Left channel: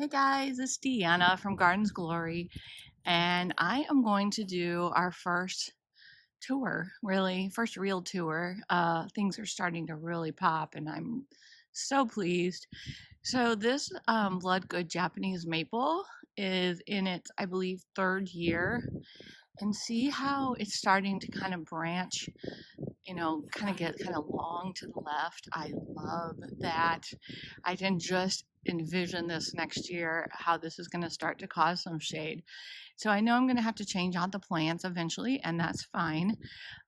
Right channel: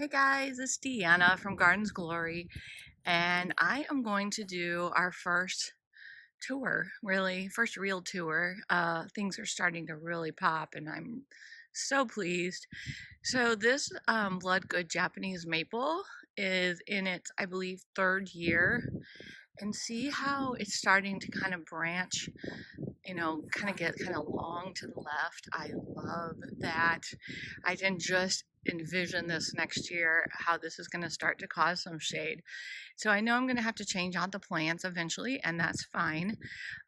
Hey guys, it's Deanna from Gardens Glory, and I am going to do our first tour, really, first real tour. Things are starting to really pop, and I'm so pleased. So this Blood Good Japanese maple is in its, I believe, third year, and see how it's starting to kind of branch, kind of get kind of long to the left. I love that. I can just envision this next year, how this is going to start to cause some shade. So I know I'm going to have to change out the plants eventually, and that's fine.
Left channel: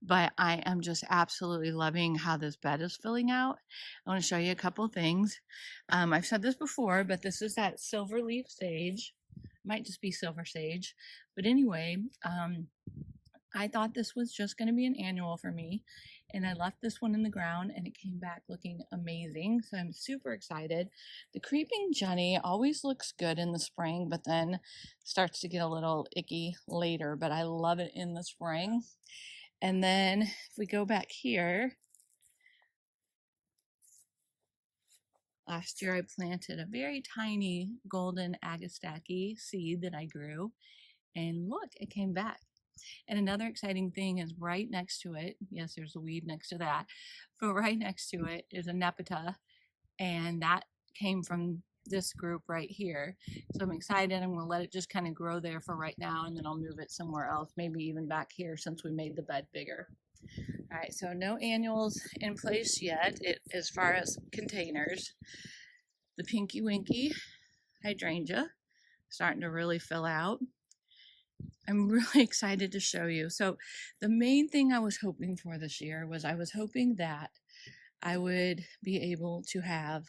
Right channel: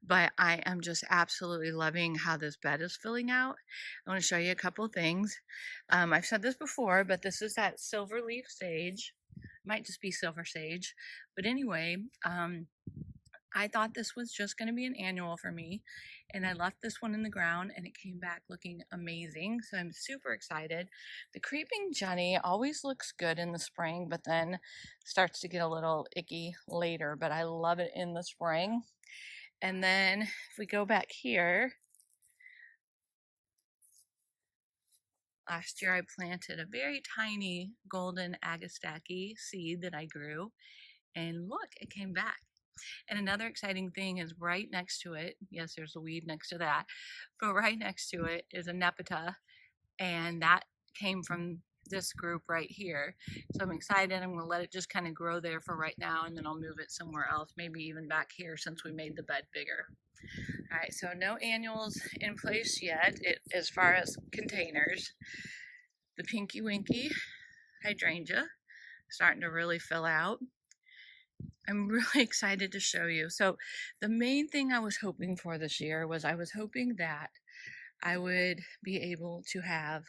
But I am just absolutely loving how this bed is filling out. I want to show you a couple things. I've said this before, but this is that silver leaf sage. Might just be silver sage. But anyway, I thought this was just going to be an annual for me, and I left this one in the ground and it came back looking amazing. So I'm super excited. The creeping Jenny always looks good in the spring, but then starts to get a little icky later, but I love it in the spring. And then if we go back here, last year I planted a very tiny golden agastaki seed that I grew, and look, it came back. And another exciting thing is right next to it, yes, there's a weed next to that, but right next to it is a nepeta, and that came from this group right here. So I'm excited. I'm going to let it just kind of grow there for right now, and then I'll move it somewhere else, maybe even back here since we made the bed bigger. All right, so no annuals in place yet as far as containers. The Pinky Winky hydrangea starting to really fill out. I'm really excited to show you. So the main thing I was hoping for this year was I was hoping that I would be able to have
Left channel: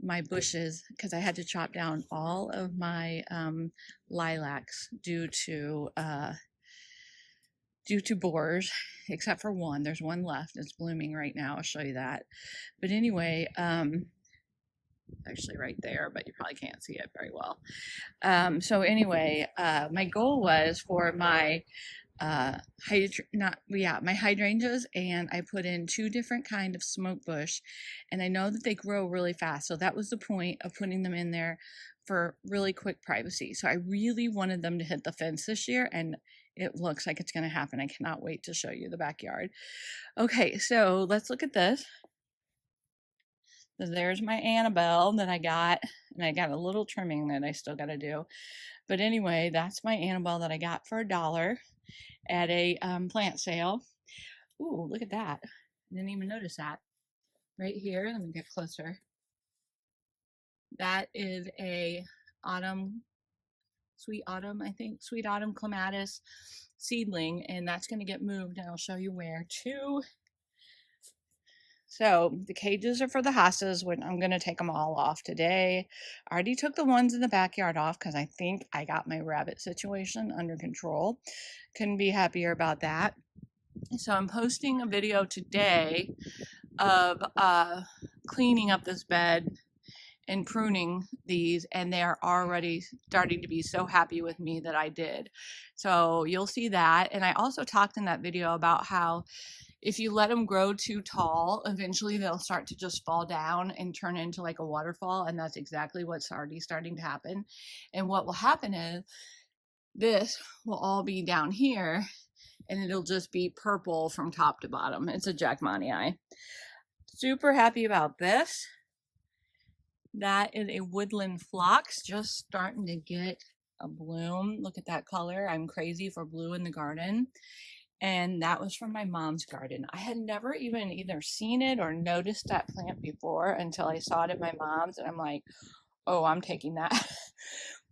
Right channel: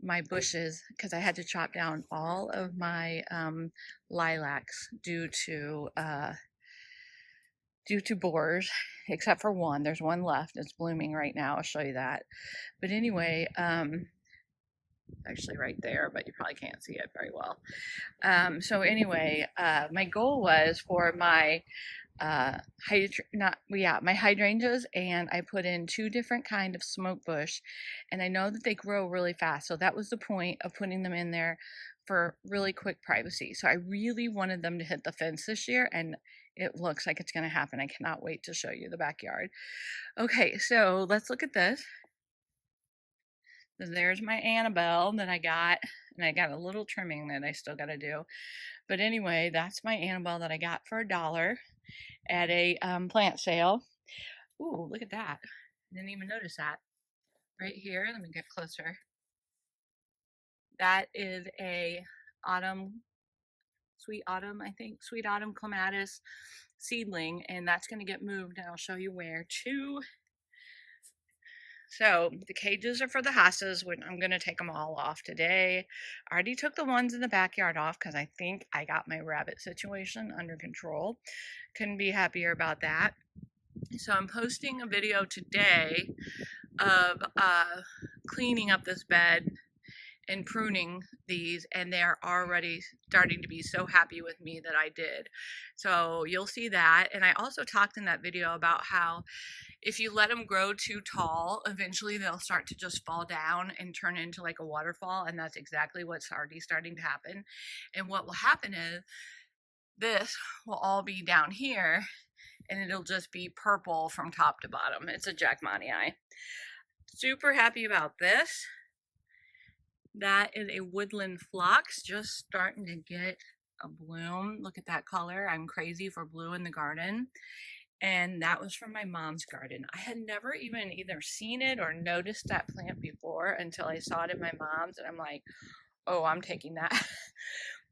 my bushes, because I had to chop down all of my lilacs due to borers, except for one. There's one left. It's blooming right now. I'll show you that. But anyway, actually right there, but you probably can't see it very well. So anyway, my goal was for my my hydrangeas, and I put in two different kind of smoke bush, and I know that they grow really fast, so that was the point of putting them in there, for really quick privacy. So I really wanted them to hit the fence this year, and it looks like it's going to happen. I cannot wait to show you the backyard. Okay, so let's look at this. There's my Annabelle that I got, and I got a little trimming that I still got to do. But anyway, that's my Annabelle that I got for $1 at a plant sale. Ooh, look at that. Didn't even notice that. Right here, let me get closer. That is a sweet autumn, I think, sweet autumn clematis seedling, and that's going to get moved, and I'll show you where to. So the cages are for the hostas. I'm going to take them all off today. I already took the ones in the backyard off because I think I got my rabbit situation under control. Couldn't be happier about that. So I'm posting a video today of cleaning up this bed and pruning these, and they are already starting to be so happy with me that I did. So you'll see that. And I also talked in that video about how if you let them grow too tall, eventually they'll start to just fall down and turn into like a waterfall, and that's exactly what's already starting to happen. And what will happen is this will all be down here, and it'll just be purple from top to bottom. It's a Jackmanii. Super happy about this. That is a woodland phlox, just starting to get a bloom. Look at that color. I'm crazy for blue in the garden. And that was from my mom's garden. I had never even either seen it or noticed that plant before until I saw it at my mom's, and I'm like, oh, I'm taking that.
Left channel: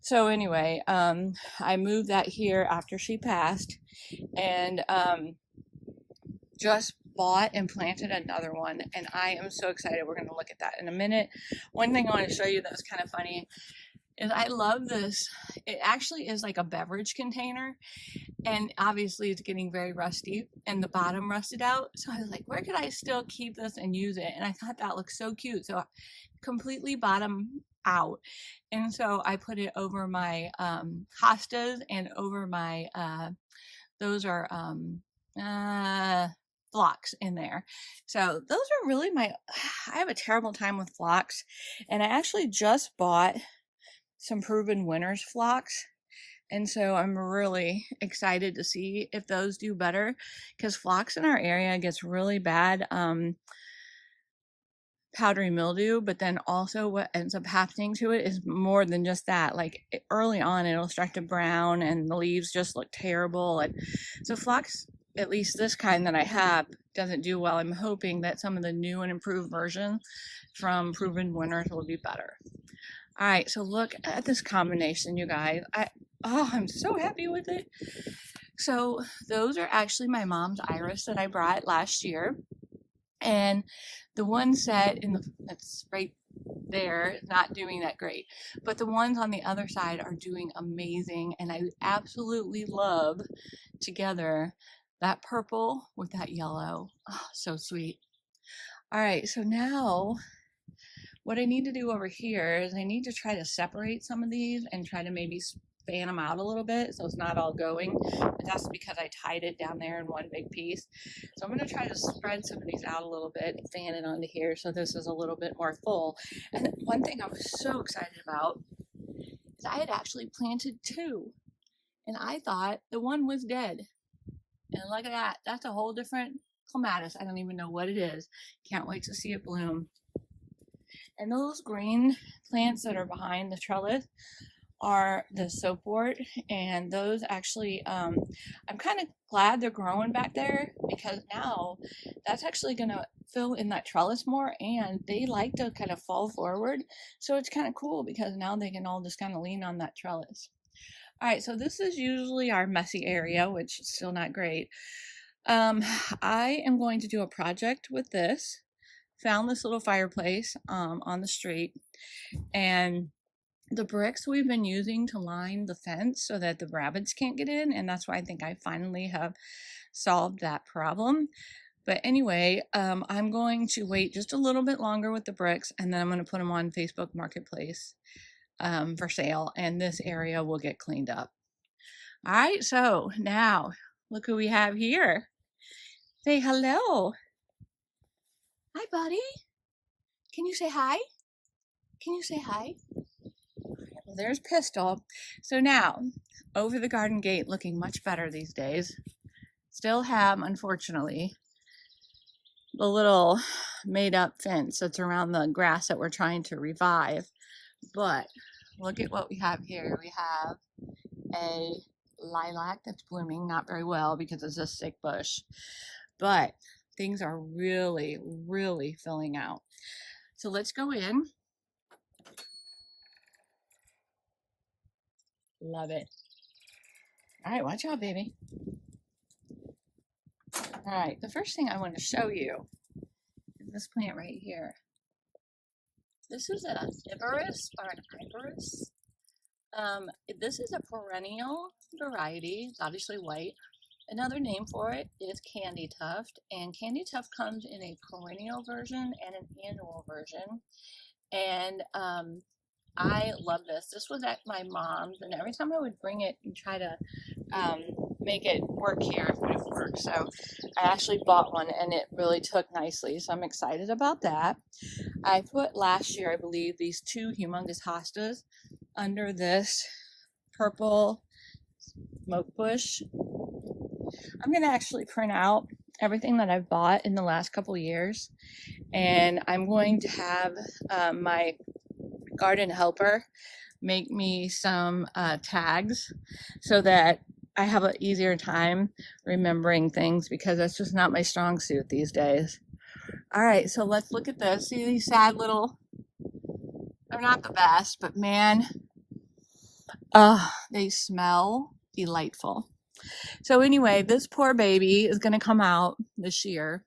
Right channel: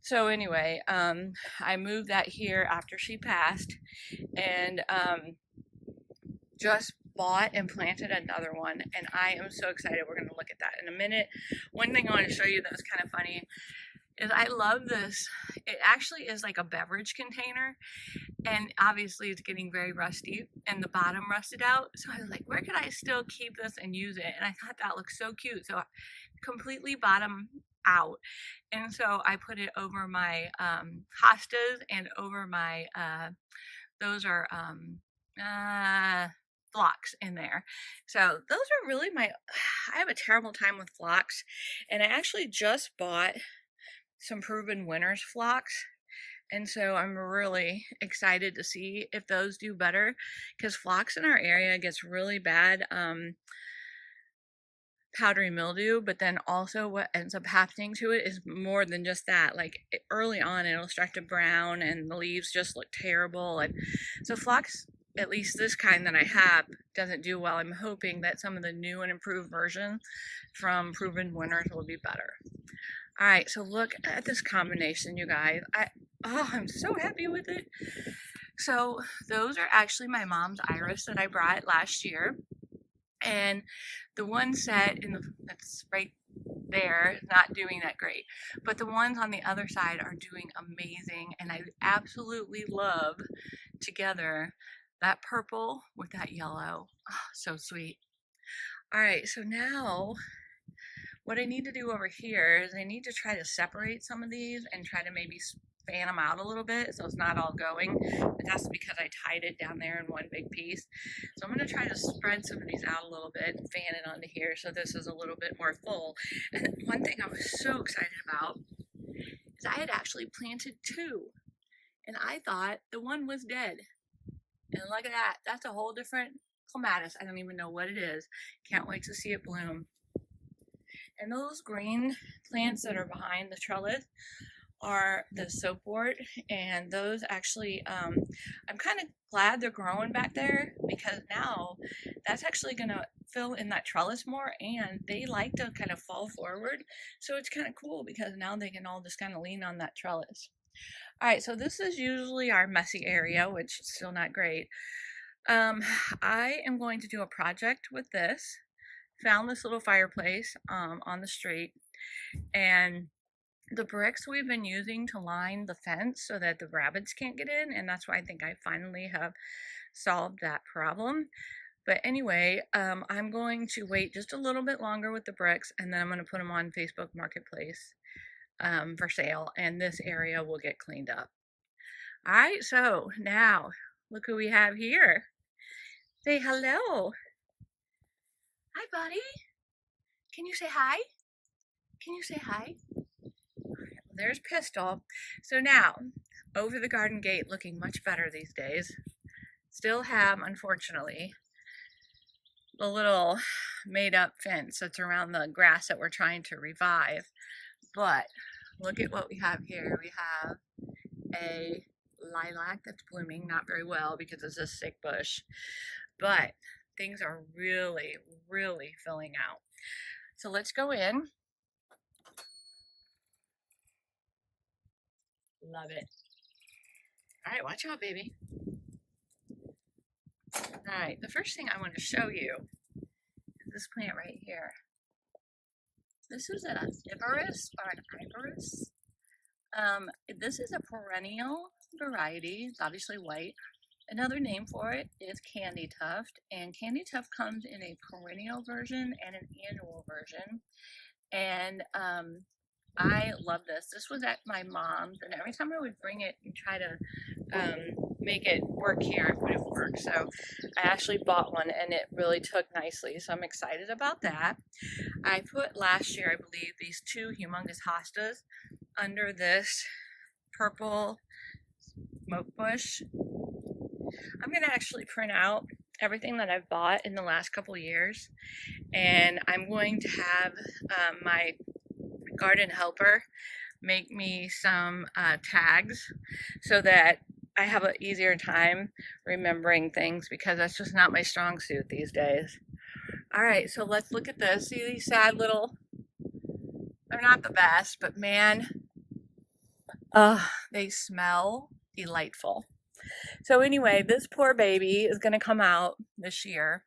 So anyway, I moved that here after she passed, and just bought and planted another one, and I am so excited. We're going to look at that in a minute. One thing I want to show you that's kind of funny is I love this. It actually is like a beverage container, and obviously it's getting very rusty and the bottom rusted out. So I was like, where could I still keep this and use it? And I thought that looked so cute. So completely bottom out. And so I put it over my hostas and over my, those are phlox in there. So those are really I have a terrible time with phlox. And I actually just bought some proven winners phlox. And so I'm really excited to see if those do better, because phlox in our area gets really bad powdery mildew, but then also what ends up happening to it is more than just that. Like early on, it'll start to brown and the leaves just look terrible. And so phlox, at least this kind that I have, doesn't do well. I'm hoping that some of the new and improved versions from Proven Winners will be better. All right, so look at this combination, you guys. I'm so happy with it. So those are actually my mom's iris that I brought last year. And the one set that's right there is not doing that great, but the ones on the other side are doing amazing, and I absolutely love together that purple with that yellow. Oh, so sweet. All right, so now what I need to do over here is I need to try to separate some of these and try to maybe fan them out a little bit so it's not all going, but that's because I tied it down there in one big piece. So I'm going to try to spread some of these out a little bit and fan it onto here so this is a little bit more full. And one thing I was so excited about is I had actually planted two, and I thought the one was dead. And look at that, that's a whole different clematis. I don't even know what it is. Can't wait to see it bloom. And those green plants that are behind the trellis are the soapwort, and those actually I'm kind of glad they're growing back there, because now that's actually going to fill in that trellis more, and they like to kind of fall forward, so it's kind of cool because now they can all just kind of lean on that trellis. All right, so this is usually our messy area, which is still not great. I am going to do a project with this. Found this little fireplace on the street, and the bricks we've been using to line the fence so that the rabbits can't get in, and that's why I think I finally have solved that problem. But anyway, I'm going to wait just a little bit longer with the bricks, and then I'm going to put them on Facebook Marketplace for sale, and this area will get cleaned up. All right, so now look who we have here. Say hello. Hi, buddy. Can you say hi? Can you say hi? Well, there's Pistol. So now, over the garden gate, looking much better these days. Still have, unfortunately, the little made-up fence that's around the grass that we're trying to revive. But look at what we have here. We have a lilac that's blooming, not very well because it's a sick bush. But things are really, really filling out. So let's go in. Love it. All right, watch out, baby. All right, the first thing I want to show you is this plant right here. This is an iberis or an iberis. This is a perennial variety. It's obviously white. Another name for it is candy tuft, and candy tuft comes in a perennial version and an annual version. And I love this. This was at my mom's, and every time I would bring it and try to make it work here, it wouldn't work. So I actually bought one, and it really took nicely. So I'm excited about that. I put last year, I believe, these two humongous hostas under this purple smoke bush. I'm going to actually print out everything that I've bought in the last couple years, and I'm going to have my garden helper make me some tags so that I have an easier time remembering things, because that's just not my strong suit these days. All right, so let's look at this. See these sad little, they're not the best, but man, they smell delightful. So anyway, this poor baby is going to come out this year.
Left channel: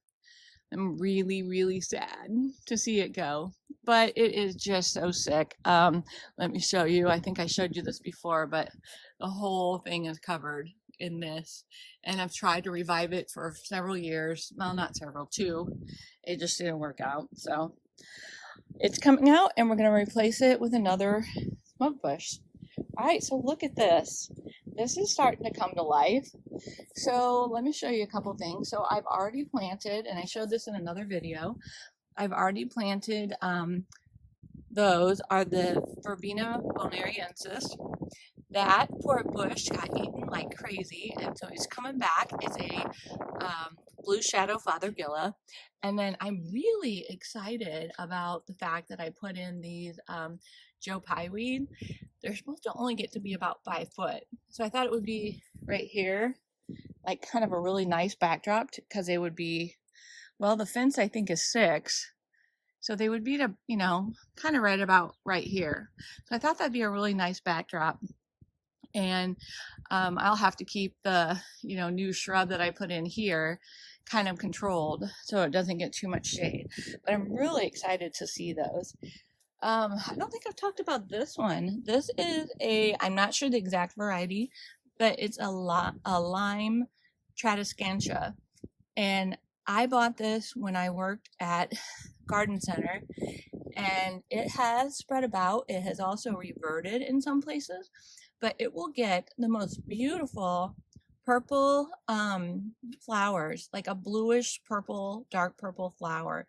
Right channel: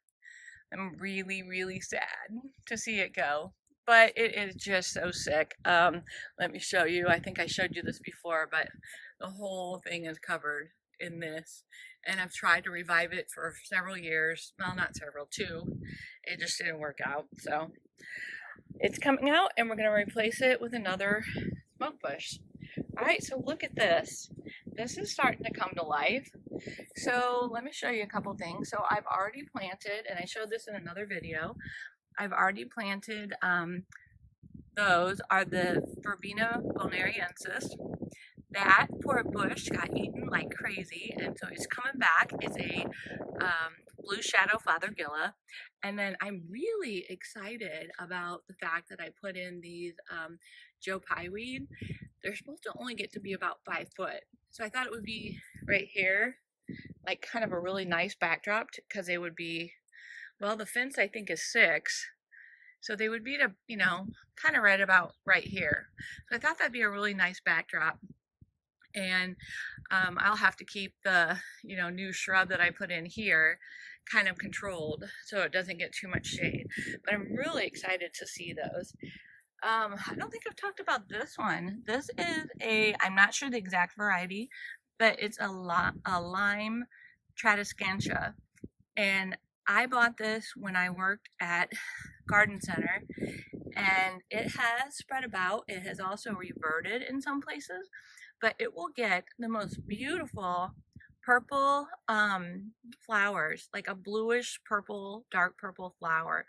I'm really, really sad to see it go, but it is just so sick. Let me show you. I think I showed you this before, but the whole thing is covered in this, and I've tried to revive it for several years. Well, not several, two. It just didn't work out. So it's coming out, and we're going to replace it with another smoke bush. All right, so look at this. This is starting to come to life. So let me show you a couple things. So I've already planted, and I showed this in another video, I've already planted those are the Verbena bonariensis. That poor bush got eaten like crazy, and so he's coming back. It's a blue shadow fothergilla. And then I'm really excited about the fact that I put in these Joe Pye weed. They're supposed to only get to be about 5 foot. So I thought it would be right here, like kind of a really nice backdrop, because they would be, well, the fence I think is 6. So they would be to, you know, kind of right about right here. So I thought that'd be a really nice backdrop. And I'll have to keep the, you know, new shrub that I put in here kind of controlled so it doesn't get too much shade. But I'm really excited to see those. I don't think I've talked about this one. This is I'm not sure the exact variety, but it's a lime tradescantia. And I bought this when I worked at Garden Center, and it has spread about. It has also reverted in some places, but it will get the most beautiful purple flowers, like a bluish purple, dark purple flower.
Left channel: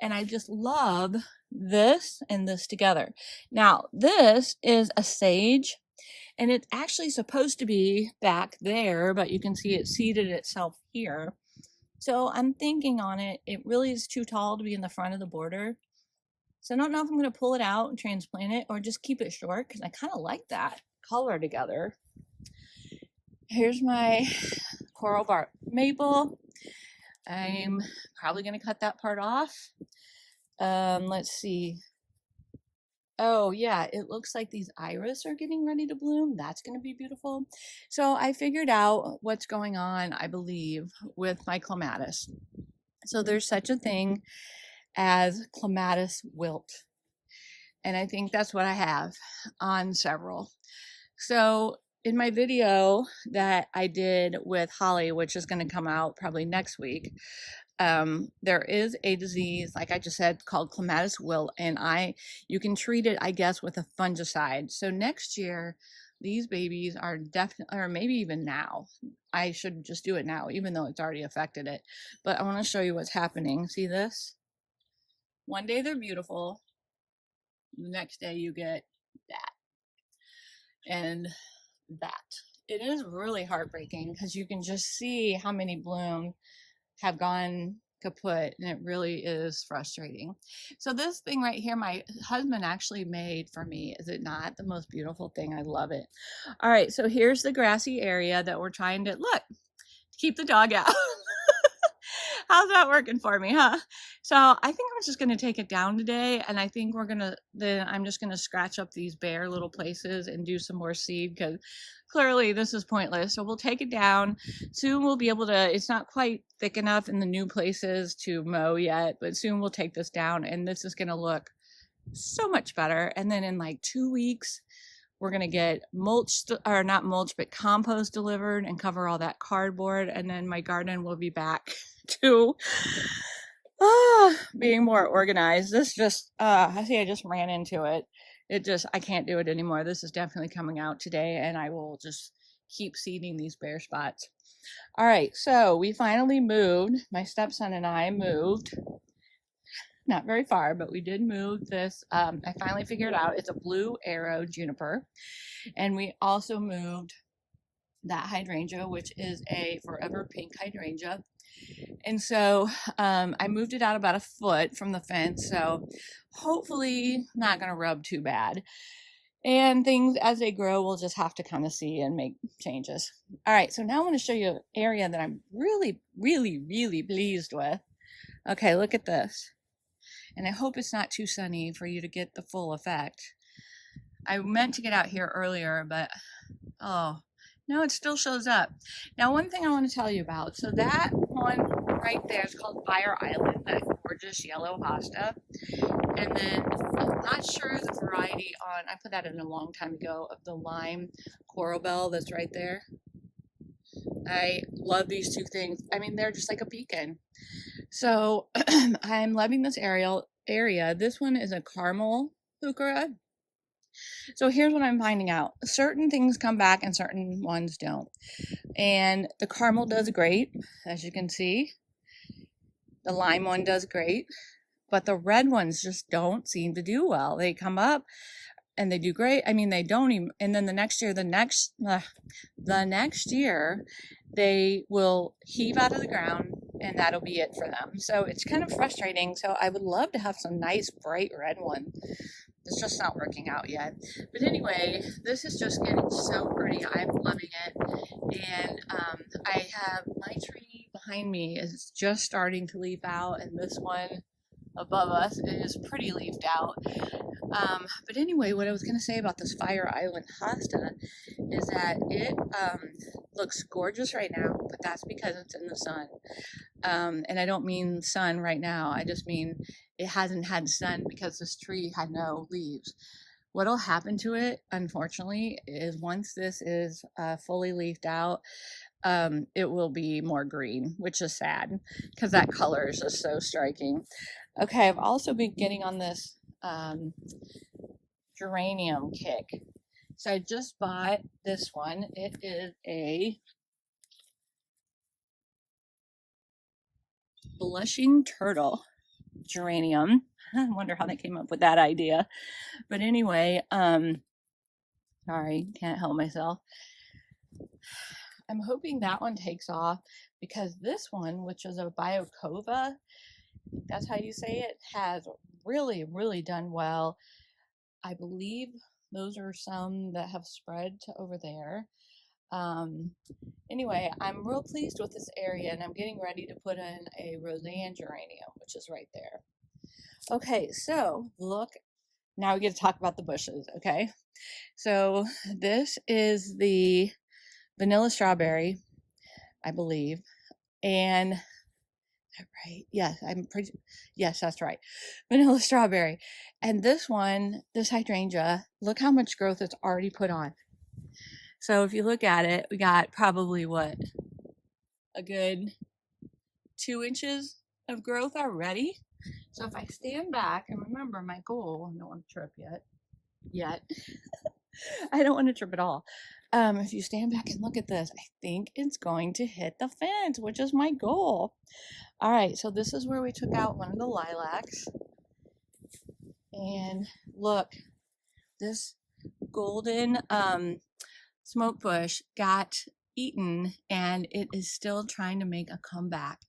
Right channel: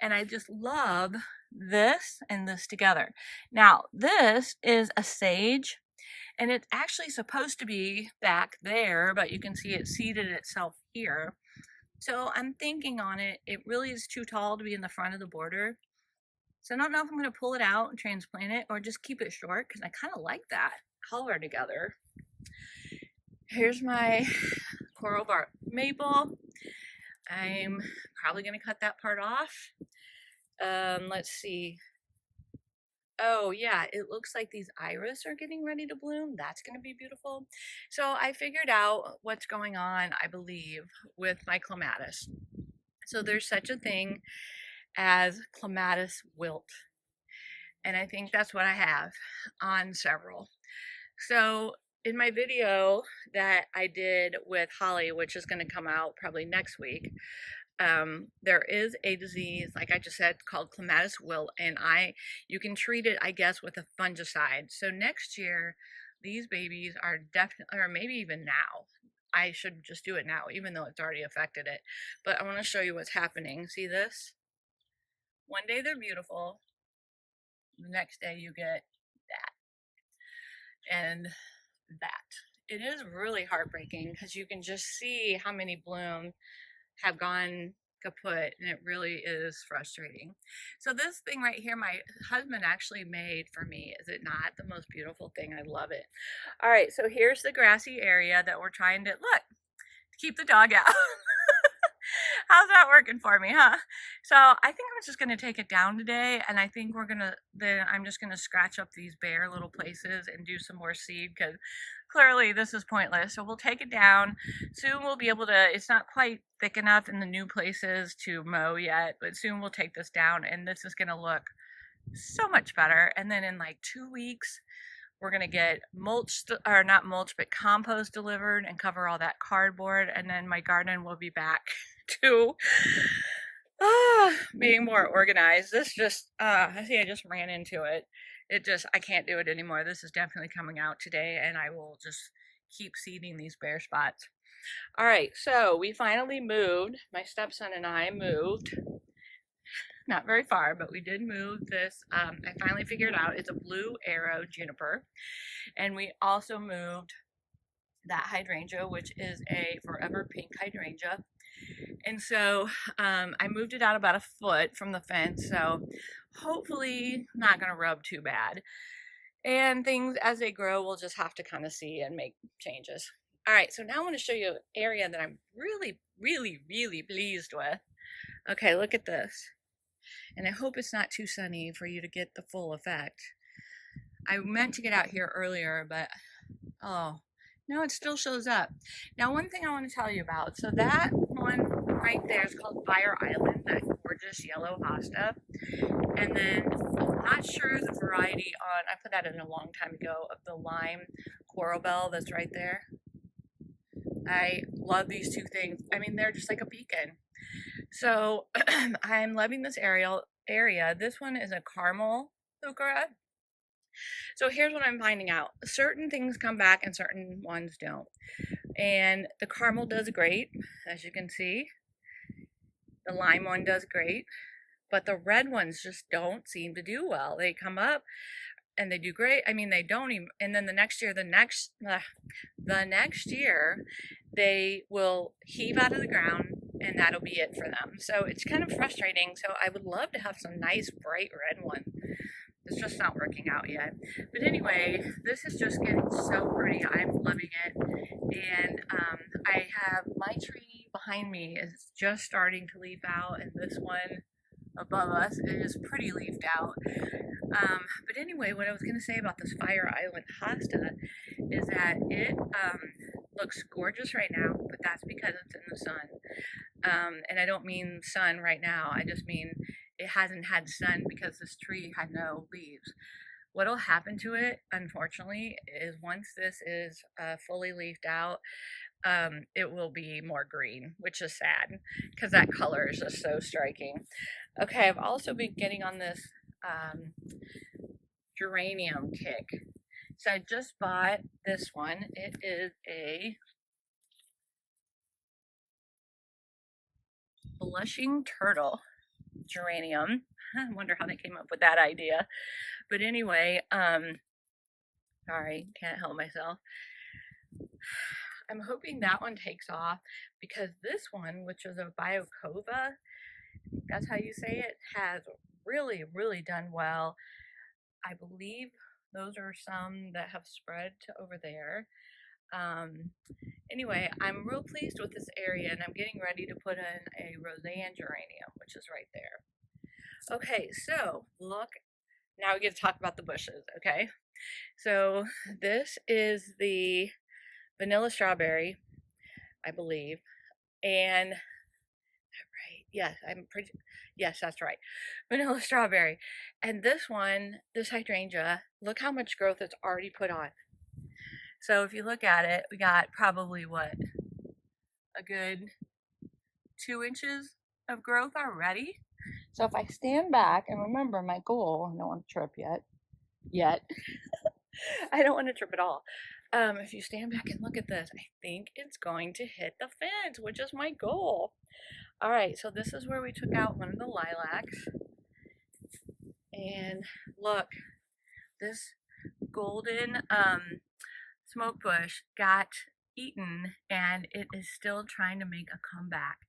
And I just love this and this together. Now, this is a sage, and it's actually supposed to be back there, but you can see it seated itself here. So I'm thinking on it, it really is too tall to be in the front of the border. So I don't know if I'm going to pull it out and transplant it or just keep it short, because I kind of like that color together. Here's my coral bark maple. I'm probably going to cut that part off. Let's see. Oh yeah, it looks like these iris are getting ready to bloom. That's going to be beautiful. So I figured out what's going on, I believe, with my clematis. So there's such a thing as clematis wilt. And I think that's what I have on several. So in my video that I did with Holly, which is going to come out probably next week, there is a disease, like I just said, called clematis wilt, and you can treat it, I guess, with a fungicide. So next year, these babies are definitely, or maybe even now, I should just do it now, even though it's already affected it. But I want to show you what's happening. See this? One day they're beautiful. The next day you get that and that. It is really heartbreaking because you can just see how many blooms have gone kaput, and it really is frustrating. So this thing right here, my husband actually made for me. Is it not the most beautiful thing? I love it. All right, so here's the grassy area that we're trying to keep the dog out. How's that working for me, huh? So I think I'm just gonna take it down today, and I think I'm just gonna scratch up these bare little places and do some more seed, because clearly this is pointless. So we'll take it down. Soon we'll be able to, it's not quite thick enough in the new places to mow yet, but soon we'll take this down, and this is gonna look so much better. And then in like 2 weeks, we're gonna get mulch, or not mulch, but compost delivered and cover all that cardboard, and then my garden will be back to being more organized. This just, I see I just ran into it. I can't do it anymore. This is definitely coming out today, and I will just keep seeding these bare spots. All right, so we finally moved. My stepson and I moved. Not very far, but we did move this. I finally figured out it's a blue arrow juniper. And we also moved that hydrangea, which is a forever pink hydrangea. And so I moved it out about 1 foot from the fence. So hopefully not going to rub too bad. And things as they grow, we'll just have to kind of see and make changes. All right, so now I want to show you an area that I'm really, really, really pleased with. Okay, look at this. And I hope it's not too sunny for you to get the full effect. I meant to get out here earlier, but oh, no, it still shows up. Now, one thing I want to tell you about. So that one right there is called Fire Island, that gorgeous yellow hosta. And then I'm not sure the variety on, I put that in a long time ago, of the lime coral bell that's right there. I love these two things. I mean, they're just like a beacon. So I'm loving this area. This one is a caramel heuchera. So here's what I'm finding out. Certain things come back and certain ones don't. And the caramel does great, as you can see. The lime one does great. but the red ones just don't seem to do well. They come up and they do great. I mean, they don't even, and then the next year, the next year, they will heave out of the ground and that'll be it for them. So it's kind of frustrating. So I would love to have some nice bright red one. It's just not working out yet. But anyway, this is just getting so pretty. I'm loving it. And I have my tree behind me is just starting to leaf out, and this one above us is pretty leafed out. But anyway, what I was going to say about this Fire Island hosta is that it looks gorgeous right now, but that's because it's in the sun. And I don't mean sun right now. I just mean it hasn't had sun because this tree had no leaves. What'll happen to it, unfortunately, is once this is fully leafed out, it will be more green, which is sad because that color is just so striking. Okay, I've also been getting on this geranium kick. So I just bought this one. It is a blushing turtle geranium. I wonder how they came up with that idea. But anyway, sorry, can't help myself. I'm hoping that one takes off because this one, which is a biocova, that's how you say it, has really, really done well. I believe those are some that have spread to over there. Anyway, I'm real pleased with this area, and I'm getting ready to put in a Roseanne geranium, which is right there. Okay, so look, now we get to talk about the bushes, okay? So this is the vanilla strawberry, I believe, and right, yes, yes, that's right, vanilla strawberry. And this one, this hydrangea, look how much growth it's already put on. So if you look at it, we got probably what, a good 2 inches of growth already. So if I stand back and remember my goal, I don't want to trip yet. I don't want to trip at all. If you stand back and look at this, I think it's going to hit the fence, which is my goal. All right, so this is where we took out one of the lilacs. And look, this golden smoke bush got eaten and it is still trying to make a comeback.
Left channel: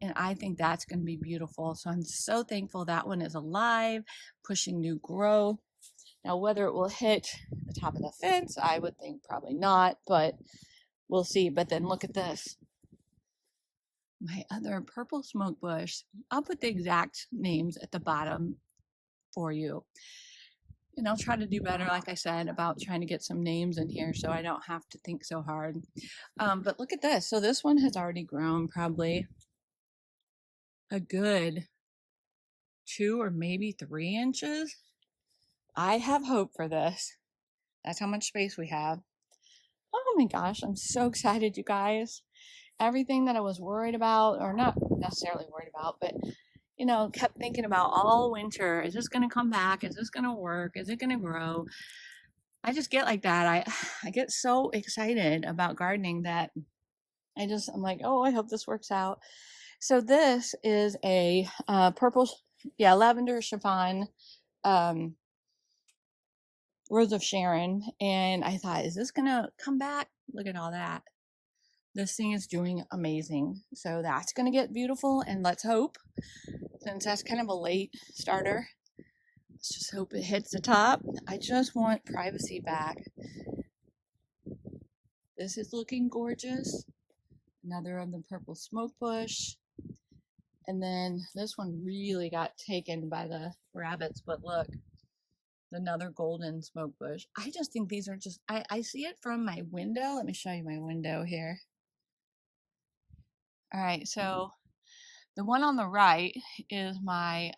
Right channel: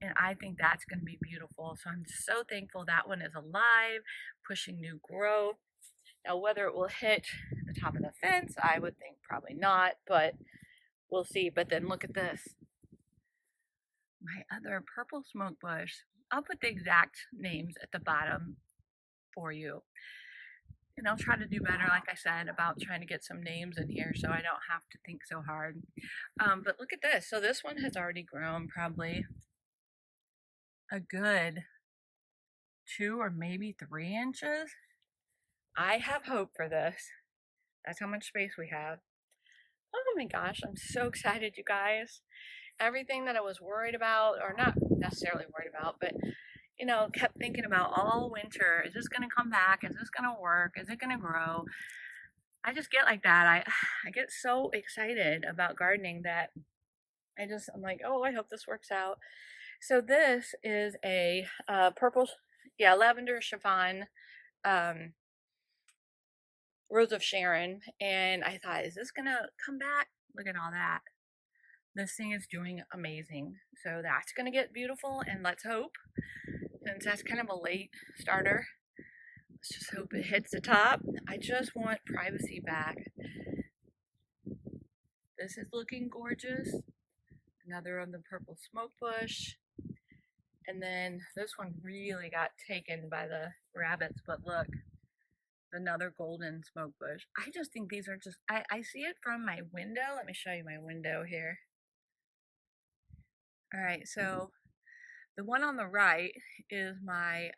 And I think that's going to be beautiful. So I'm so thankful that one is alive, pushing new growth. Now, whether it will hit the top of the fence, I would think probably not, but we'll see. But then look at this. My other purple smoke bush, I'll put the exact names at the bottom for you. And I'll try to do better, like I said, about trying to get some names in here so I don't have to think so hard. But look at this. So this one has already grown probably a good 2 or maybe 3 inches. I have hope for this. That's how much space we have. Oh my gosh, I'm so excited, you guys. Everything that I was worried about, or not necessarily worried about, but you know, kept thinking about all winter. Is this going to come back? Is this going to work? Is it going to grow? I just get like that. I get so excited about gardening that I'm like, oh, I hope this works out. So this is a purple, lavender chiffon Rose of Sharon, and I thought, is this gonna come back? Look at all that. This thing is doing amazing. So that's gonna get beautiful, and let's hope, since that's kind of a late starter, let's just hope it hits the top. I just want privacy back. This is looking gorgeous. Another of the purple smoke bush. And then this one really got taken by the rabbits, but look, another golden smoke bush. I just think these are just, I see it from my window. Let me show you my window here. All right, so the one on the right is my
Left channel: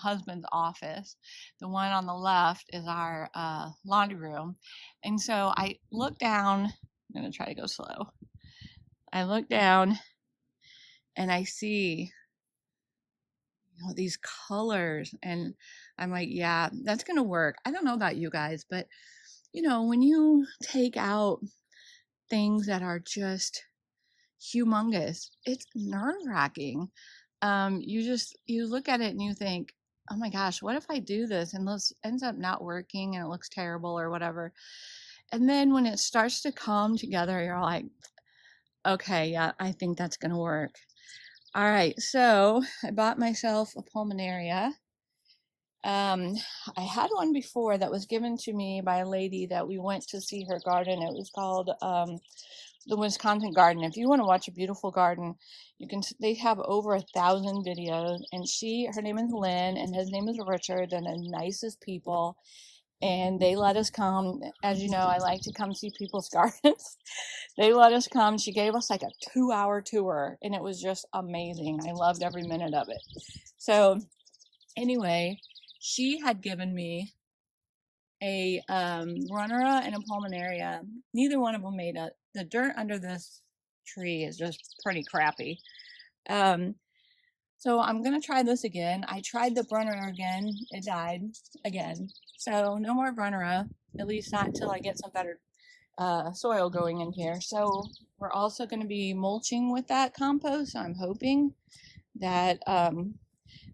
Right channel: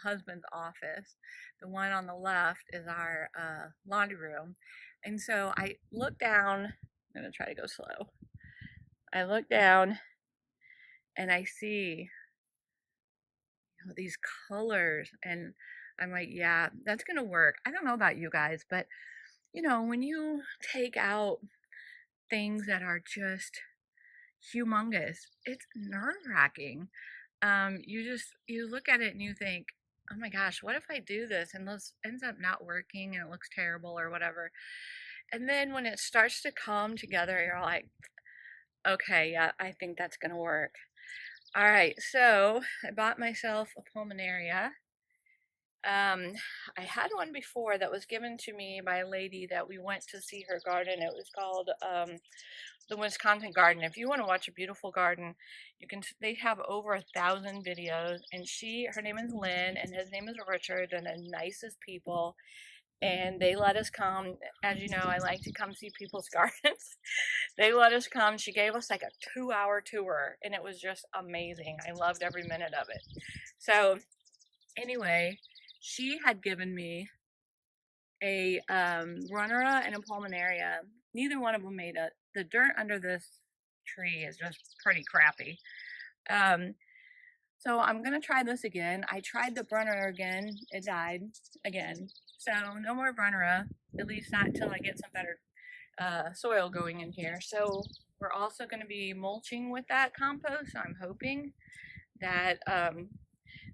husband's office. The one on the left is our laundry room. And so I look down, I'm gonna try to go slow. I look down and I see, you know, these colors, and I'm like, yeah, that's gonna work. I don't know about you guys, but you know, when you take out things that are just humongous, it's nerve-wracking. You look at it and you think, oh my gosh, what if I do this and this ends up not working and it looks terrible or whatever? And then when it starts to come together, you're like, okay, yeah, I think that's gonna work. All right, so I bought myself a pulmonaria. I had one before that was given to me by a lady that we went to see her garden. It was called the Wisconsin Garden. If you want to watch a beautiful garden, you can. They have over 1,000 videos, and her name is Lynn, and his name is Richard. They're the nicest people, and they let us come. As you know, I like to come see people's gardens. They let us come. She gave us like a 2-hour tour, and it was just amazing. I loved every minute of it. So anyway, she had given me a runnera and a pulmonaria. Neither one of them made it. The dirt under this tree is just pretty crappy. So I'm gonna try this again. I tried the runnera again. It died again. So no more runnera, at least not until I get some better soil going in here. So we're also going to be mulching with that compost. So I'm hoping that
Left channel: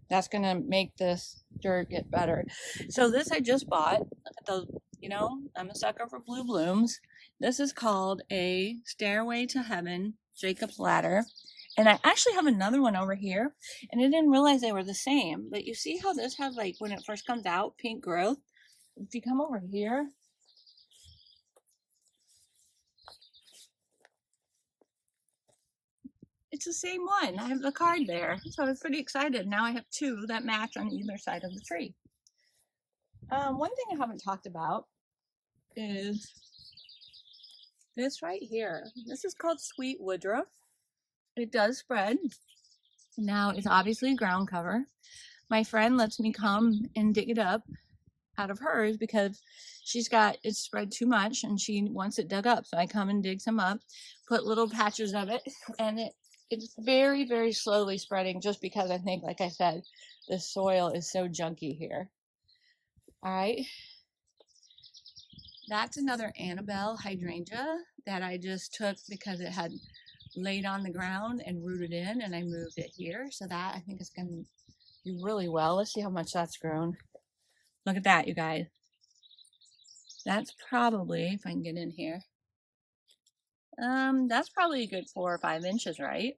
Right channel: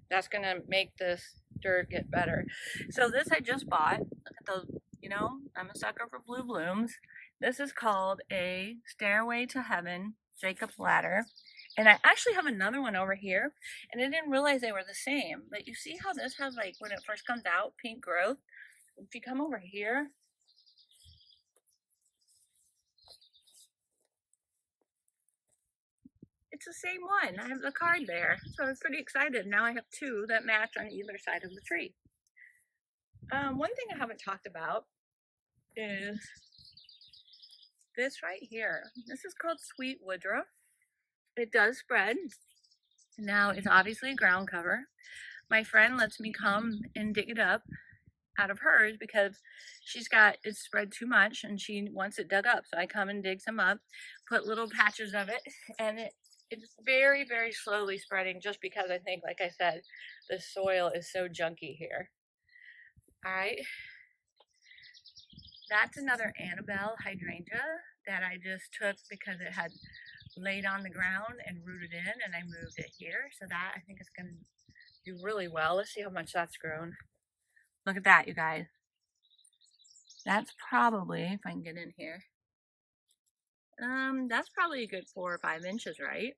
that's going to make this dirt get better. So this I just bought. Look at those, I'm a sucker for blue blooms. This is called a Stairway to Heaven Jacob's Ladder. And I actually have another one over here, and I didn't realize they were the same. But you see how this has, like, when it first comes out, pink growth? If you come over here, it's the same one. I have the card there. So I was pretty excited. Now I have two that match on either side of the tree. One thing I haven't talked about is this right here. This is called sweet woodruff. It does spread. Now it's obviously ground cover. My friend lets me come and dig it up out of hers because it's spread too much and she wants it dug up. So I come and dig some up, put little patches of it, and it's very, very slowly spreading just because I think, like I said, the soil is so junky here. All right. That's another Annabelle hydrangea that I just took because it had laid on the ground and rooted in, and I moved it here. So that I think is going to do really well. Let's see how much that's grown. Look at that, you guys. That's probably, if I can get in here, that's probably a good 4 or 5 inches, right?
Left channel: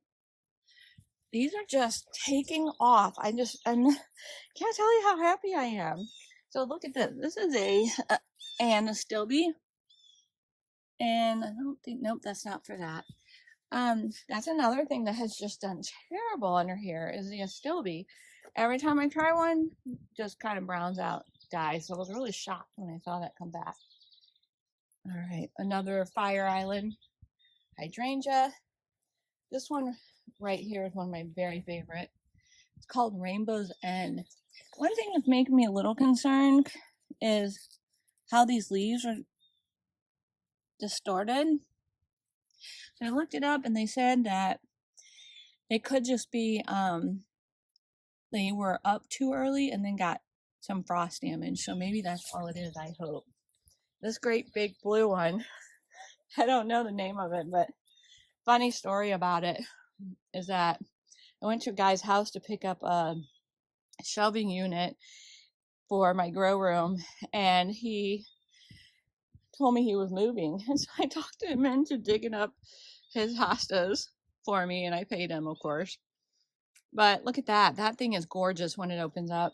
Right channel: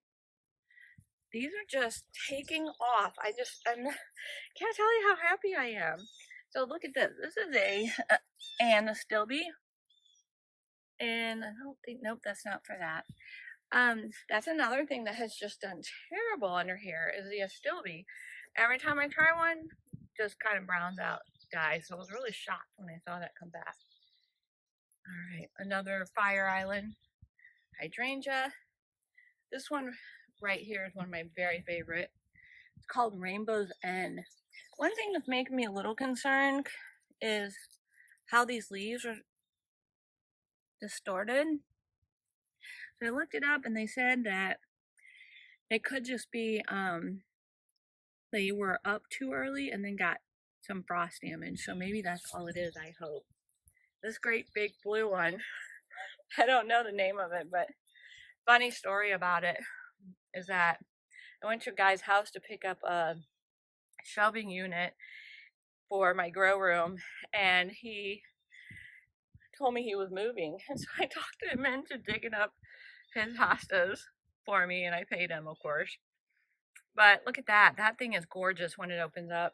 These are just taking off. I can't tell you how happy I am. So look at this. This is a Anastilbe. And I don't think, nope, that's not for that. That's another thing that has just done terrible under here is the Astilbe. Every time I try one, just kind of browns out, dies. So I was really shocked when I saw that come back. All right, another Fire Island hydrangea. This one right here is one of my very favorite. It's called Rainbow's End. One thing that's making me a little concerned is how these leaves are distorted. So I looked it up and they said that they could just be they were up too early and then got some frost damage. So maybe that's all it is, I hope. This great big blue one, I don't know the name of it, but funny story about it is that I went to a guy's house to pick up a shelving unit for my grow room, and he told me he was moving. And so I talked him into digging up his hostas for me, and I paid him, of course. But look at that. That thing is gorgeous when it opens up.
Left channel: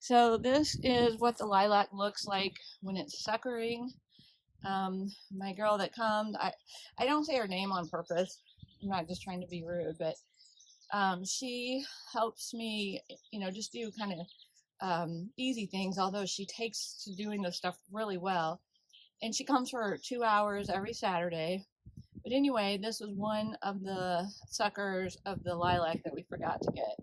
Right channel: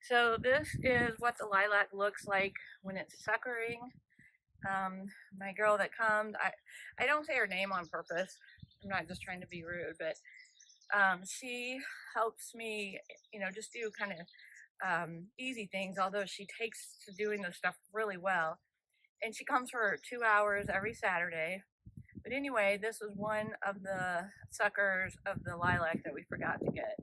So this is what the lilac looks like when it's suckering. My girl that comes, I don't say her name on purpose. I'm not just trying to be rude, but she helps me, just do kind of easy things, although she takes to doing this stuff really well. And she comes for 2 hours every Saturday. But anyway, this was one of the suckers of the lilac that we forgot to get.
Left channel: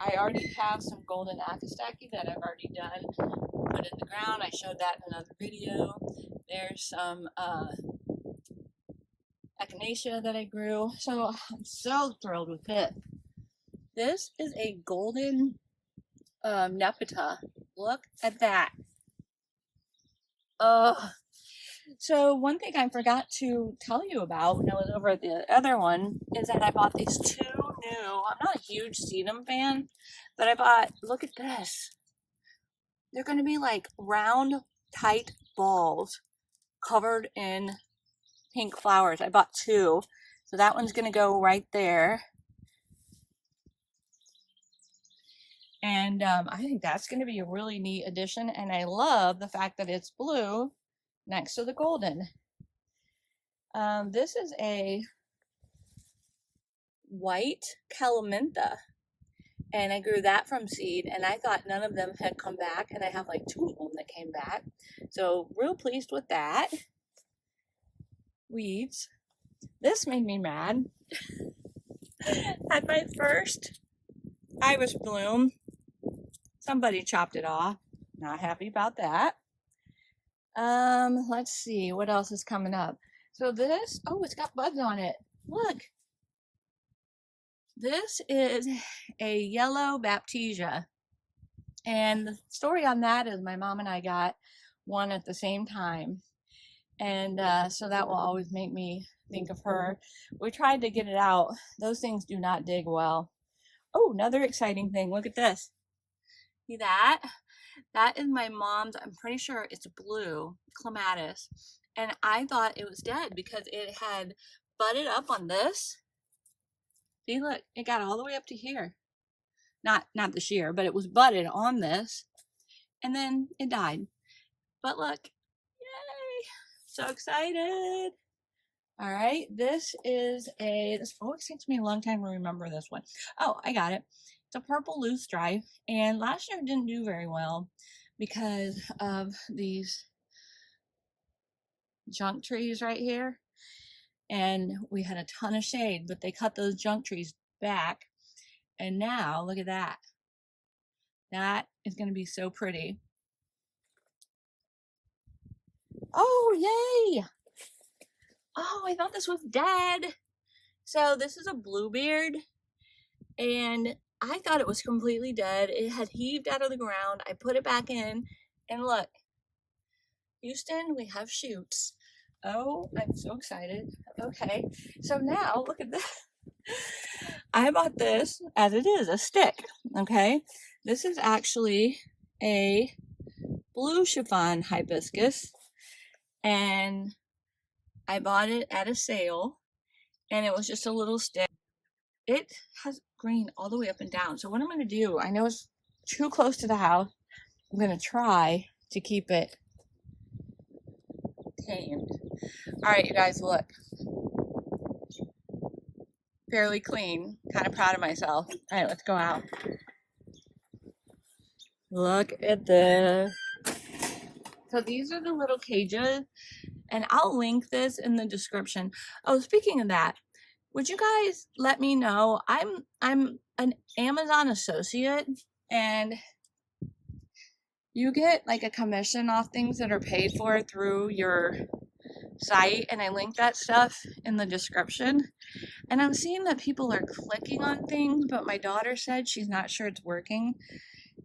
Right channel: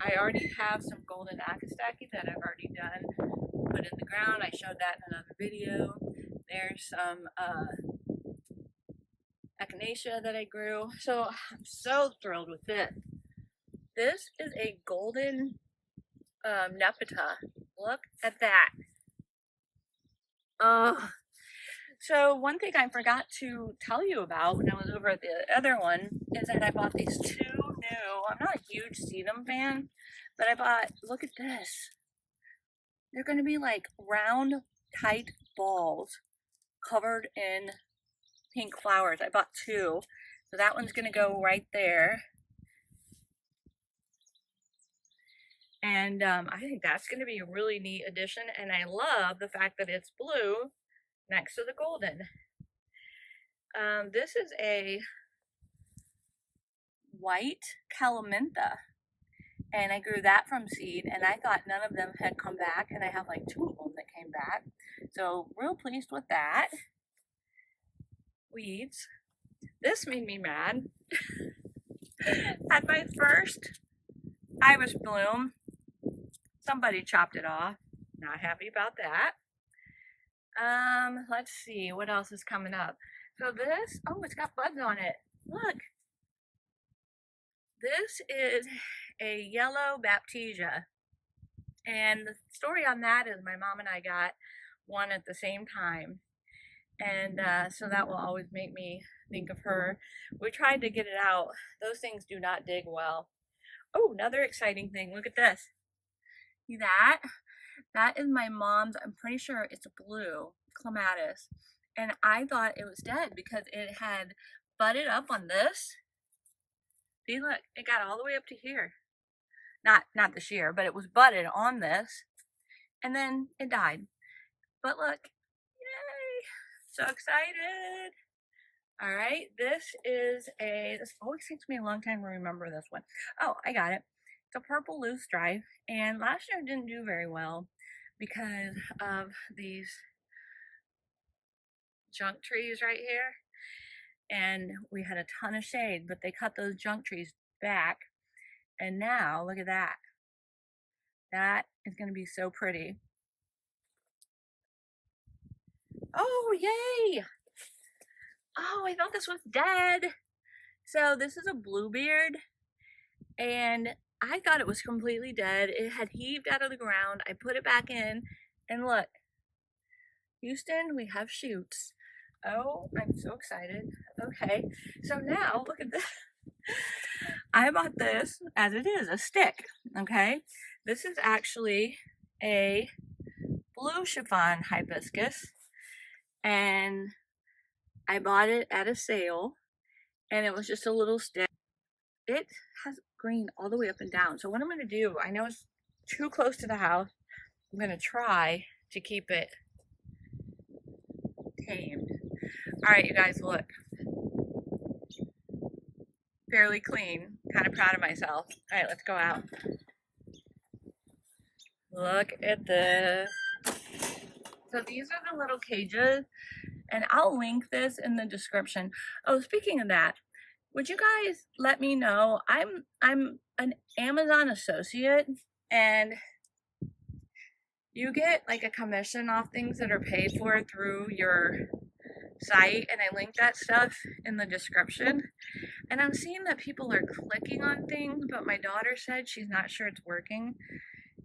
I already have some golden acastaki that I've already done, put in the ground. I showed that in another video. There's some echinacea that I grew. So I'm so thrilled with it. This is a golden nepeta. Look at that. So one thing I forgot to tell you about when I was over at the other one is that I bought these 2 new. I'm not a huge sedum fan, but I bought, look at this. They're going to be like round, tight balls covered in pink flowers. I bought 2. So that one's going to go right there. And I think that's going to be a really neat addition. And I love the fact that it's blue next to the golden. This is a white calamintha. And I grew that from seed. And I thought none of them had come back. And I have like 2 of them that came back. So real pleased with that. Weeds. This made me mad. At my first iris bloom, somebody chopped it off. Not happy about that. Let's see what else is coming up. So this, oh, it's got buds on it. Look. This is a yellow baptisia. And the story on that is my mom and I got one at the same time. And so that will always make me think of her. We tried to get it out. Those things do not dig well. Oh, another exciting thing. Look at this. See that? That is my mom's, I'm pretty sure it's blue, Clematis. And I thought it was dead because it had budded up on this. See, look, it got all the way up to here. Not this year, but it was budded on this. And then it died. But look, yay! So excited. All right, this always takes me a long time to remember this one. Oh, I got it. It's a purple loosestrife, and last year it didn't do very well because of these junk trees right here. And we had a ton of shade, but they cut those junk trees back. And now, look at that. That is going to be so pretty. Oh, yay! Oh, I thought this was dead. So this is a bluebeard, and I thought it was completely dead. It had heaved out of the ground. I put it back in, and look, Houston, we have shoots. Oh, I'm so excited. Okay, so now look at this. I bought this as it is, a stick, okay? This is actually a blue chiffon hibiscus, and I bought it at a sale, and it was just a little stick. It has green all the way up and down. So what I'm going to do, I know it's too close to the house. I'm going to try to keep it tamed. All right, you guys, look. Fairly clean. Kind of proud of myself. All right, let's go out. Look at this. So these are the little cages, and I'll link this in the description. Oh, speaking of that, would you guys let me know? I'm an Amazon associate, and you get like a commission off things that are paid for through your site, and I link that stuff in the description. And I'm seeing that people are clicking on things, but my daughter said she's not sure it's working.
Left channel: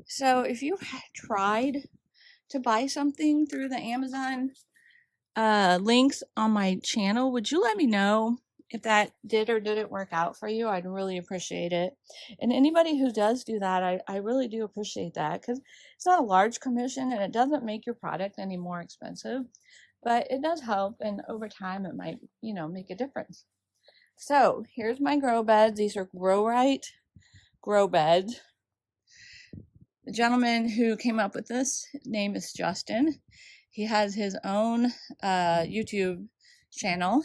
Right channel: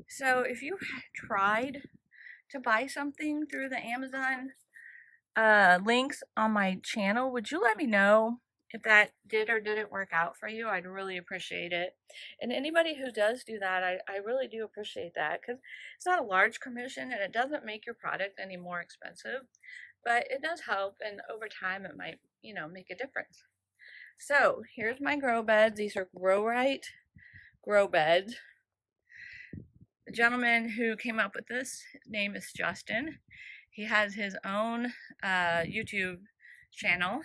So if you tried to buy something through the Amazon links on my channel, would you let me know if that did or didn't work out for you? I'd really appreciate it. And anybody who does do that, I really do appreciate that, because it's not a large commission and it doesn't make your product any more expensive, but it does help, and over time it might, make a difference. So here's my grow beds. These are Grow Right grow beds. The gentleman who came up with this name is Justin. He has his own YouTube channel.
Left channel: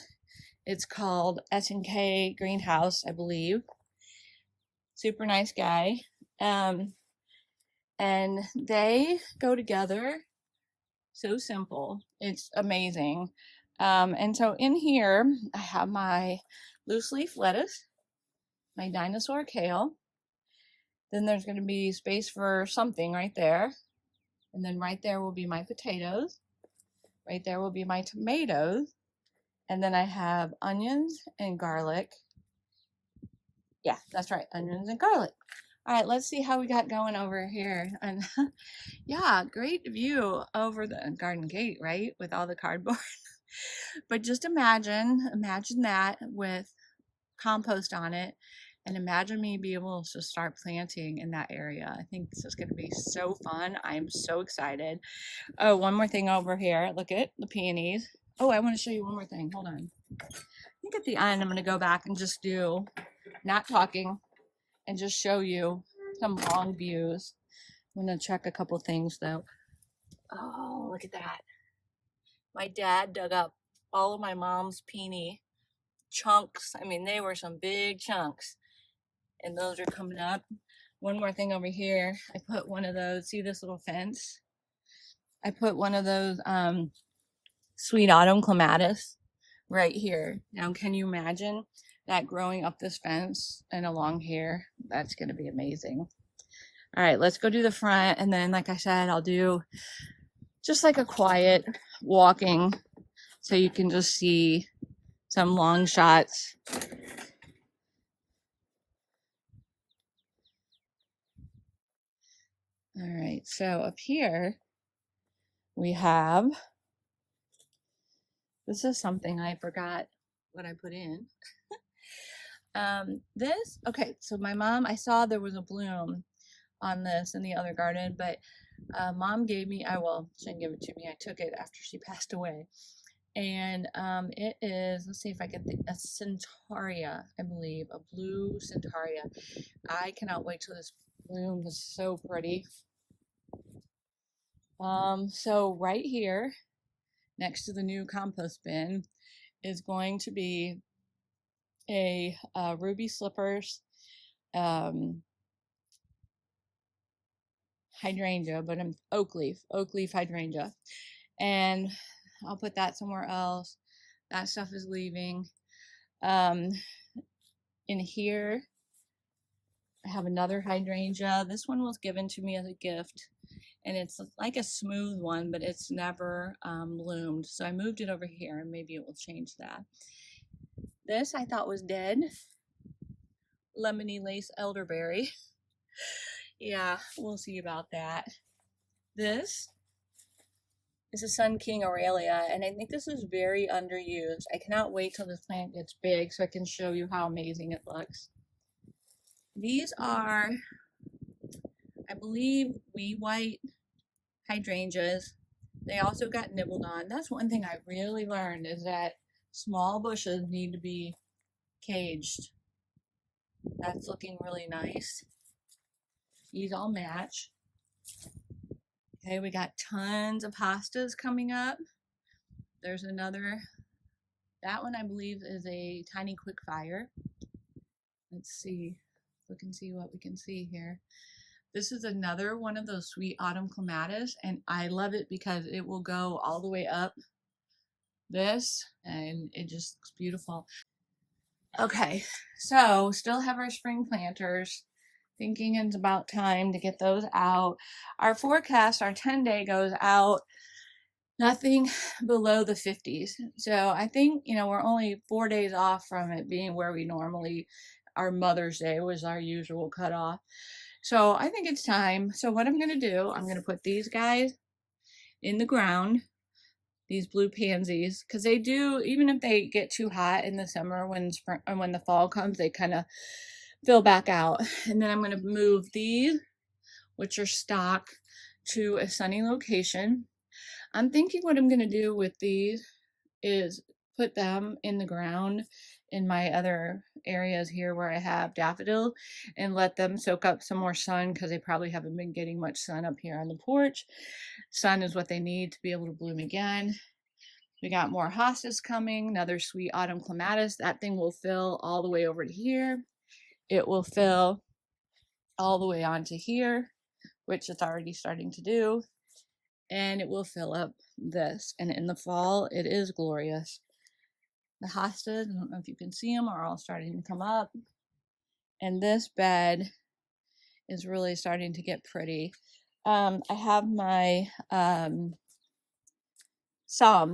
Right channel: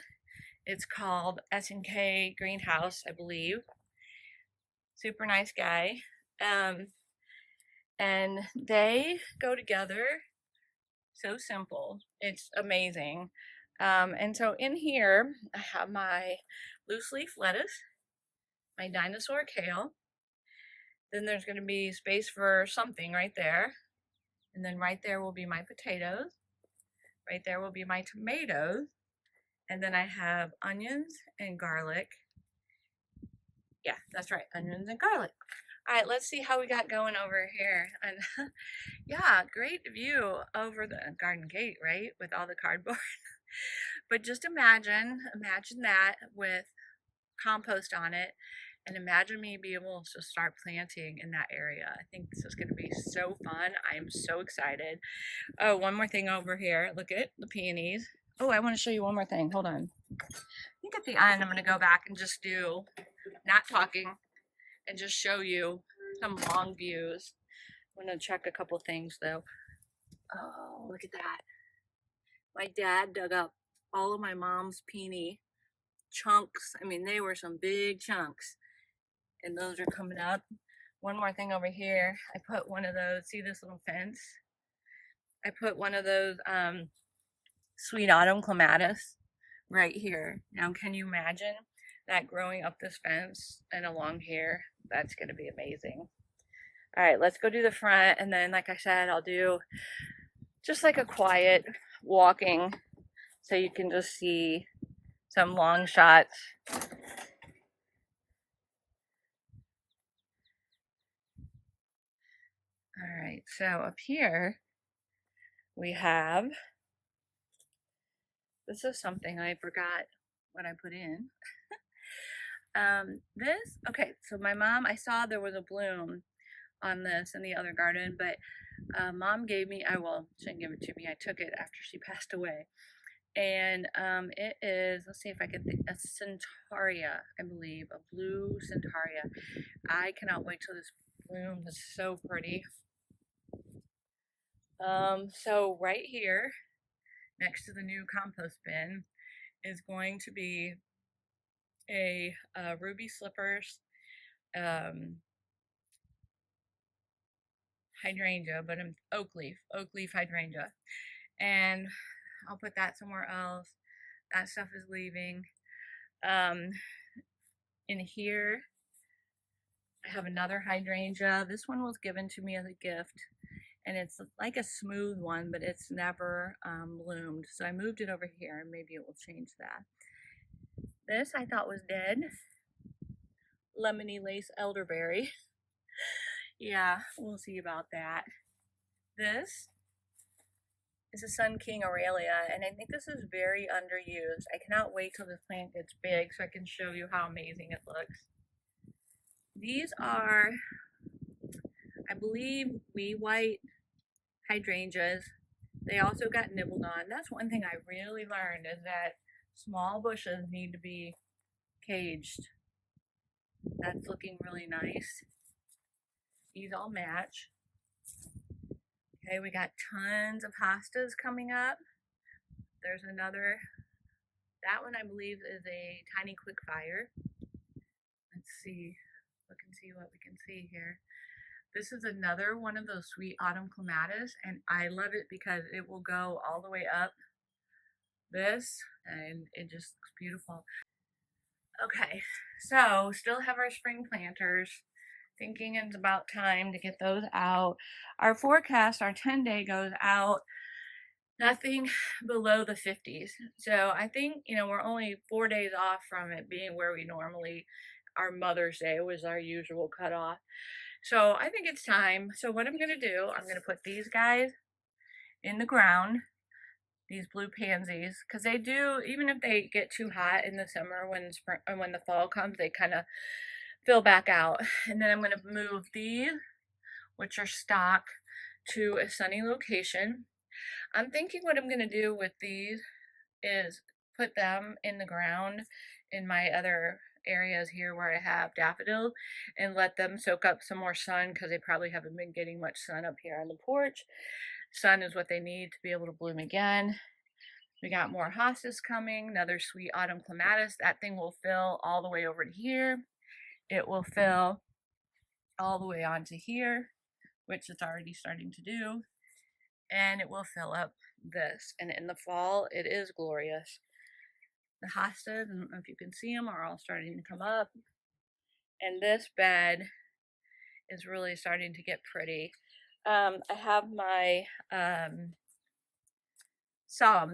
It's called KGreenhouse, I believe. Super nice guy. And they go together so simple. It's amazing. And so in here, I have my loose leaf lettuce, my dinosaur kale. Then there's going to be space for something right there. And then right there will be my potatoes. Right there will be my tomatoes. And then I have onions and garlic. Yeah, that's right, onions and garlic. All right, let's see how we got going over here. And yeah, great view over the garden gate, right? With all the cardboard. But just imagine that with compost on it. And imagine me be able to start planting in that area. I think this is going to be so fun. I am so excited. Oh, one more thing over here. Look at the peonies. Oh, I want to show you one more thing. Hold on. I think at the end, I'm going to go back and just do, not talking, and just show you some long views. I'm going to check a couple things though. Oh, look at that. My dad dug up all of my mom's peony chunks. I mean, they were some big chunks. And those are coming up. One more thing over here. I put one of those, see this little fence? I put one of those sweet autumn clematis right here. Now, can you imagine that growing up this fence and along here? That's going to be amazing. All right, let's go do the front. And then, like I said, I'll do just like a quiet walking so you can just see some long shots. All right, so up here we have, this is something I forgot what I put in. Okay, so my mom, I saw there was a bloom on this in the other garden, but mom gave me, she didn't give it to me, I took it after she passed away. And it is, let's see if I can think, a centaurea, I believe, a blue centaurea. I cannot wait till this bloom is so pretty. So right here, next to the new compost bin, is going to be a ruby slippers hydrangea, but an oak leaf hydrangea. And I'll put that somewhere else. That stuff is leaving. In here, I have another hydrangea. This one was given to me as a gift, and it's like a smooth one, but it's never bloomed. So I moved it over here, and maybe it will change that. This I thought was dead. Lemony lace elderberry. Yeah, we'll see about that. This is a Sun King Aurelia, and I think this is very underused. I cannot wait till this plant gets big so I can show you how amazing it looks. These are, I believe, wee white hydrangeas. They also got nibbled on. That's one thing I really learned, is that small bushes need to be caged. That's looking really nice. These all match. Okay, we got tons of hostas coming up. There's another, that one I believe is a tiny quick fire. Let's see, look and see what we can see here. This is another one of those sweet autumn clematis, and I love it because it will go all the way up this, and it just looks beautiful. Okay, so still have our spring planters. Thinking it's about time to get those out. Our forecast, our 10-day goes out nothing below the 50s. So I think, we're only 4 days off from it being where we normally, our Mother's Day was our usual cutoff. So I think it's time. So what I'm going to do, I'm going to put these guys in the ground, these blue pansies, because they do, even if they get too hot in the summer, when spring, or when the fall comes, they kind of fill back out. And then I'm going to move these, which are stock, to a sunny location. I'm thinking what I'm going to do with these is put them in the ground in my other areas here where I have daffodils, and let them soak up some more sun, because they probably haven't been getting much sun up here on the porch. Sun is what they need to be able to bloom again. We got more hostas coming, another sweet autumn clematis. That thing will fill all the way over to here. It will fill all the way onto here, which it's already starting to do. And it will fill up this. And in the fall, it is glorious. The hostas, I don't know if you can see them, are all starting to come up. And this bed is really starting to get pretty. I have my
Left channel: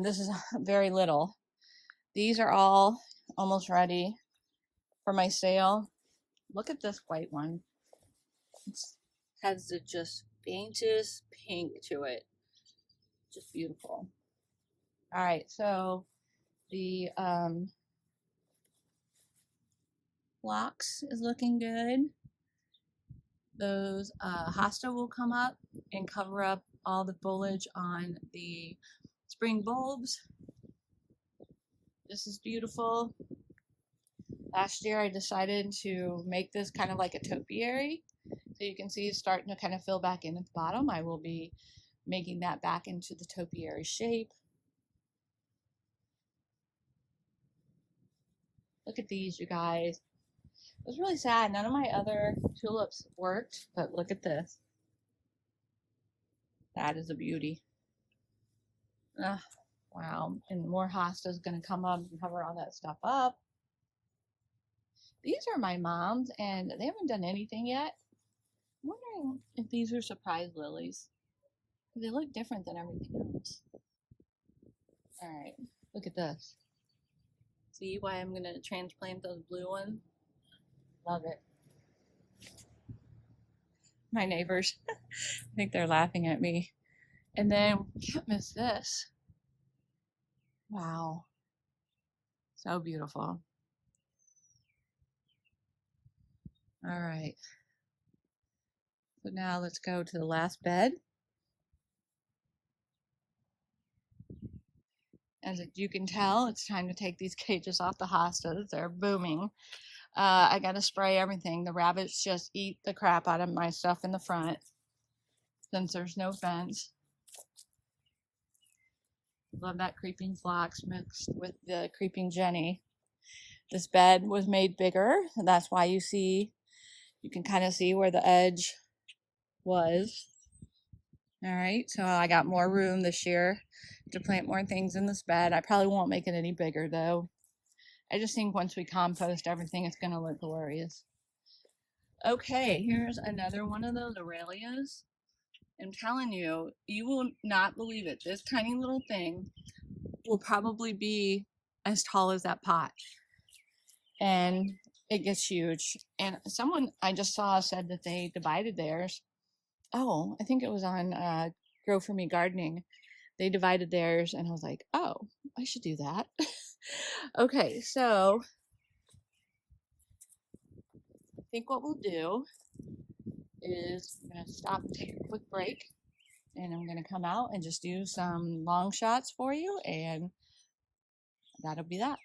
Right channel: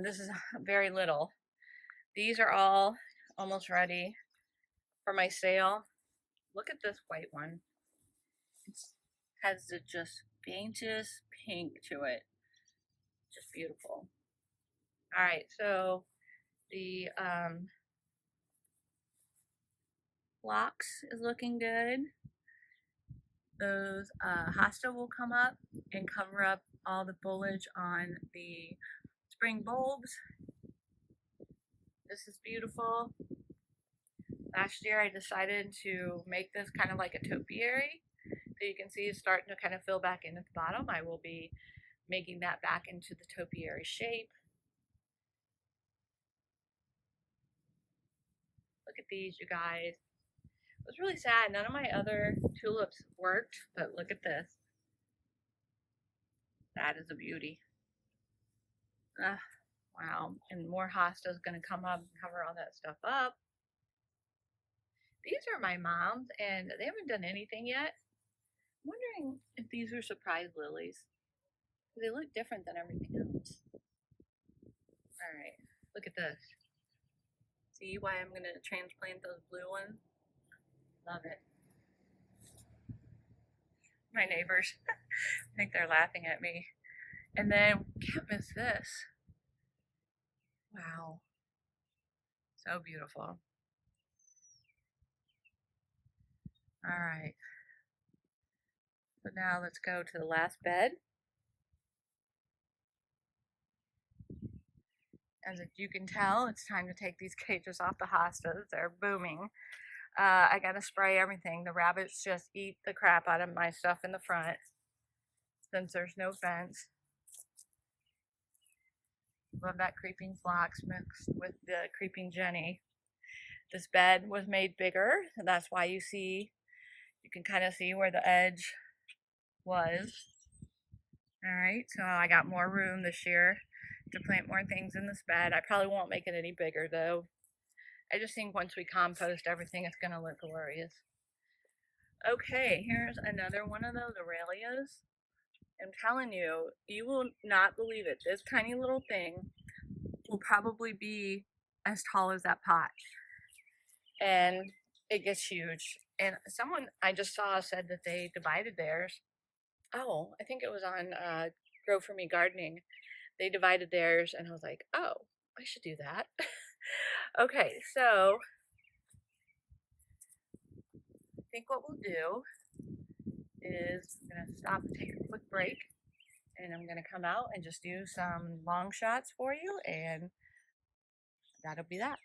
this is very little. These are all almost ready for my sale. Look at this white one. It has the just faintest pink to it. Just beautiful. All right, so the phlox is looking good. Those hosta will come up and cover up all the foliage on the spring bulbs. This is beautiful. Last year I decided to make this kind of like a topiary. So you can see it's starting to kind of fill back in at the bottom. I will be making that back into the topiary shape. Look at these, you guys. It was really sad. None of my other tulips worked, but look at this. That is a beauty. Wow. And more hosta is going to come up and cover all that stuff up. These are my mom's, and they haven't done anything yet. I'm wondering if these are surprise lilies. They look different than everything else. All right, look at this. See why I'm going to transplant those blue ones? Love it. My neighbors, I think they're laughing at me. And then, can't miss this. Wow. So beautiful. All right. So now let's go to the last bed. As you can tell, it's time to take these cages off the hostas. They're booming. I gotta spray everything. The rabbits just eat the crap out of my stuff in the front since there's no fence. Love that creeping phlox mixed with the creeping Jenny. This bed was made bigger, and that's why you can kind of see where the edge was. All right, so I got more room this year to plant more things in this bed. I probably won't make it any bigger though. I just think once we compost everything, it's gonna look glorious. Okay, here's another one of those Aralias. I'm telling you, you will not believe it. This tiny little thing will probably be as tall as that pot. And it gets huge. And someone I just saw said that they divided theirs. Oh, I think it was on Grow For Me Gardening. They divided theirs, and I was like, oh, I should do that. Okay, so I think what we'll do is I'm going to stop and take a quick break, and I'm going to come out and just do some long shots for you, and that'll be that.